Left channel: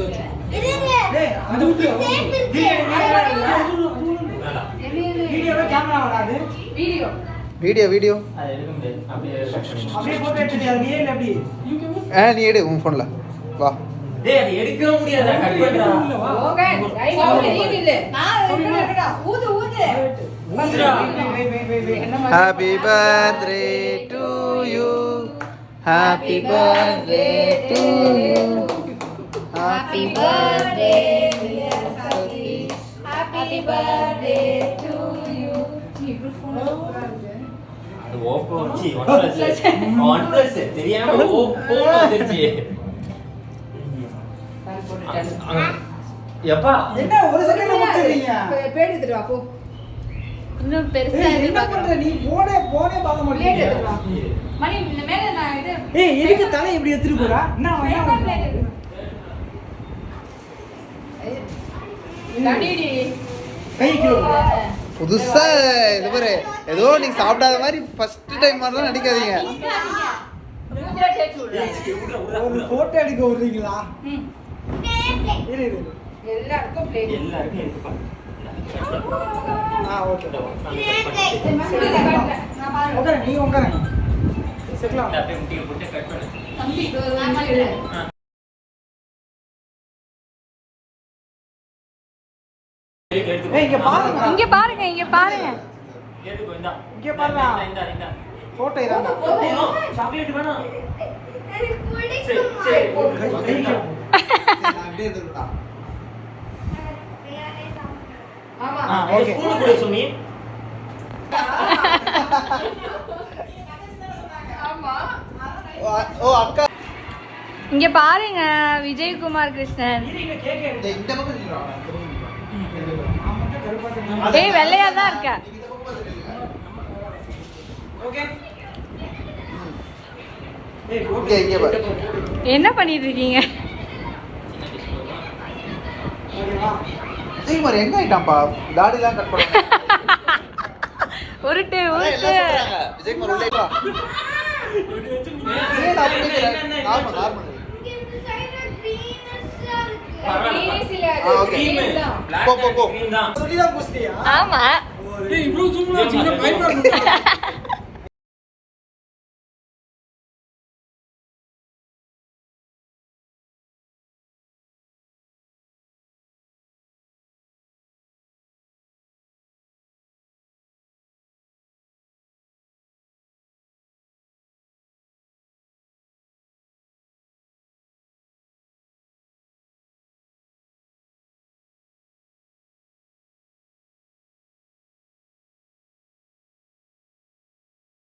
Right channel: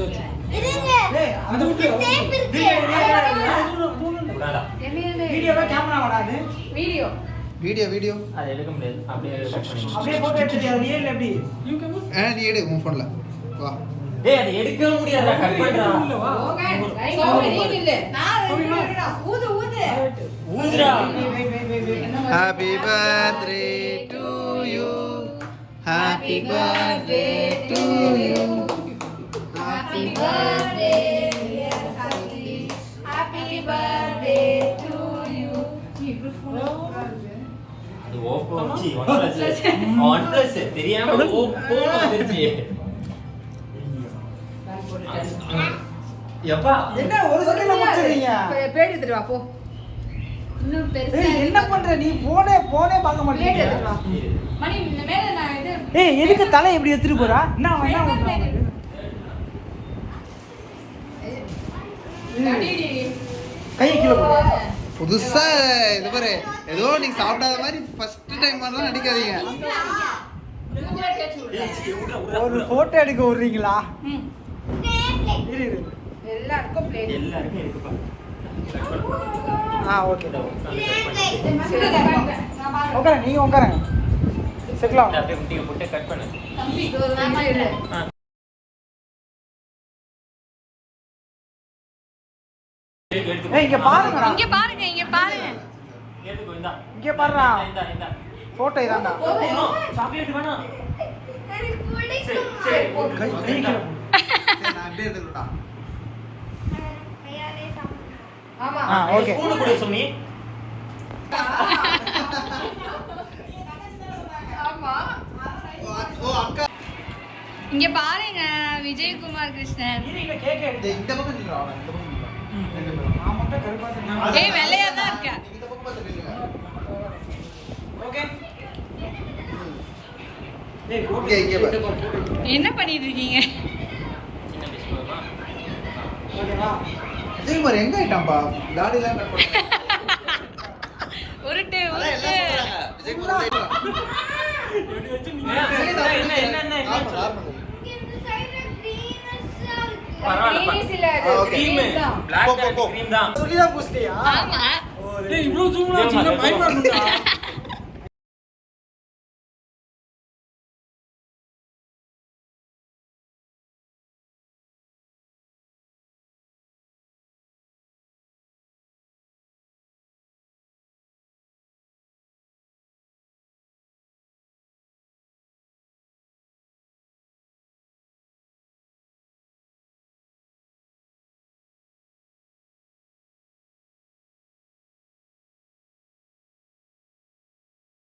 டேய் அது வீடியோல கேமரா வராது. வீடியோ அது எடுக்க முடியாது. அப்படியே போட்டோ எடுத்து நீ ஏன் அப்படி நீ எடு உன் ஃபோன்ல வா. டேய் அது எடுக்க முடியாதுடா. கட் பண்றா. ஓகே சவுண்ட் நீ இல்ல. நான் எடுக்கறடா. ஊது. ஊதுடா. Happy birthday to you. Happy birthday to you. Happy birthday dear Sakshi. Happy birthday to you. அது ஓப்போ OnePlus தெரியாம ஓப்போ வந்துருச்சு. எப்பா என்ன ஒரு செகண்ட்ல முடிச்சிரீங்க? பேட் எடுத்து வா போ. இன்னும் பெருசா ஏய் என்ன பண்ற நீ போனே பார்க்க பேட் மாட்டீங்க. எடுத்து வா. மணி இந்த மேல நான் இது ஏய் எதுக்கு தலை இப்படி எடுத்துட்டு போறா? என்ன பண்ற? கடிடி கை கீழ போடு. புதுசா இது பாரு ஏதோ நீங்க சாப்பிடாத மாதிரி ஃபர்ஸ்ட் டைம் மாதிரிலாம் நடிக்காதீங்க. ஒரு போட்டோ எடுக்க விடுறீங்களா? இரு எல்லாருக்கும் பிளேட் எல்லாருக்கும் இருக்குப்பா. ஓகே நான் பாரு உட்கார நீங்க உட்காருங்க. செட்லாம் அப்படியே முட்டியை போட்டு கட் பண்ணு. தம்பி நான் பாரு ஏய் இங்க பாருங்க. இங்க பாருங்க எடுக்கு இந்தா. இங்க பாருடா. இந்தா. போட்டோ இதான்டா. சாக்லேட் வேணாம். கை கீழ போடு. நான் அப்படியே எடுத்துடா. ஆமா ஓகே. ஸ்கூல் கூட சுமி. ஆமா ஓ அக்கா இங்க பாருங்க விஜயகுமார் கிருஷ்ணன். இங்க கேக் எடுத்து. இந்த பக்கம் நில்லுடா. இந்த பக்கம் நில்லுடா. நான் மட்டும் கருப்பா தெரியும். ஏய் வெள்ளையா தான் இருக்க. நீங்க இந்த பக்கம் பார்த்து நில்லுங்க. ஓகே. ஏய் இங்க இங்க பாரு. என்ன பண்ணிட்டு இருக்கீங்க? ஓகேவா? விஜயகுமார் எங்க ஆயிட்டான்பா? தாடிலாம் கட் பண்ணுங்க. உருட்டு அதான் எல்லாம் சொல்றாங்க. விஜயகுமார் உள்ள ஆயிட்டான். ஏன் நான் பண்ணிக்கிறேன்? நார்மல். ஓகே. போ. சொல்லிதான் போஸ்டியா? ஆமா. ஏய் இவ்ளோ ஜூம்ல வச்சிருந்தா பயமா இருக்குடா.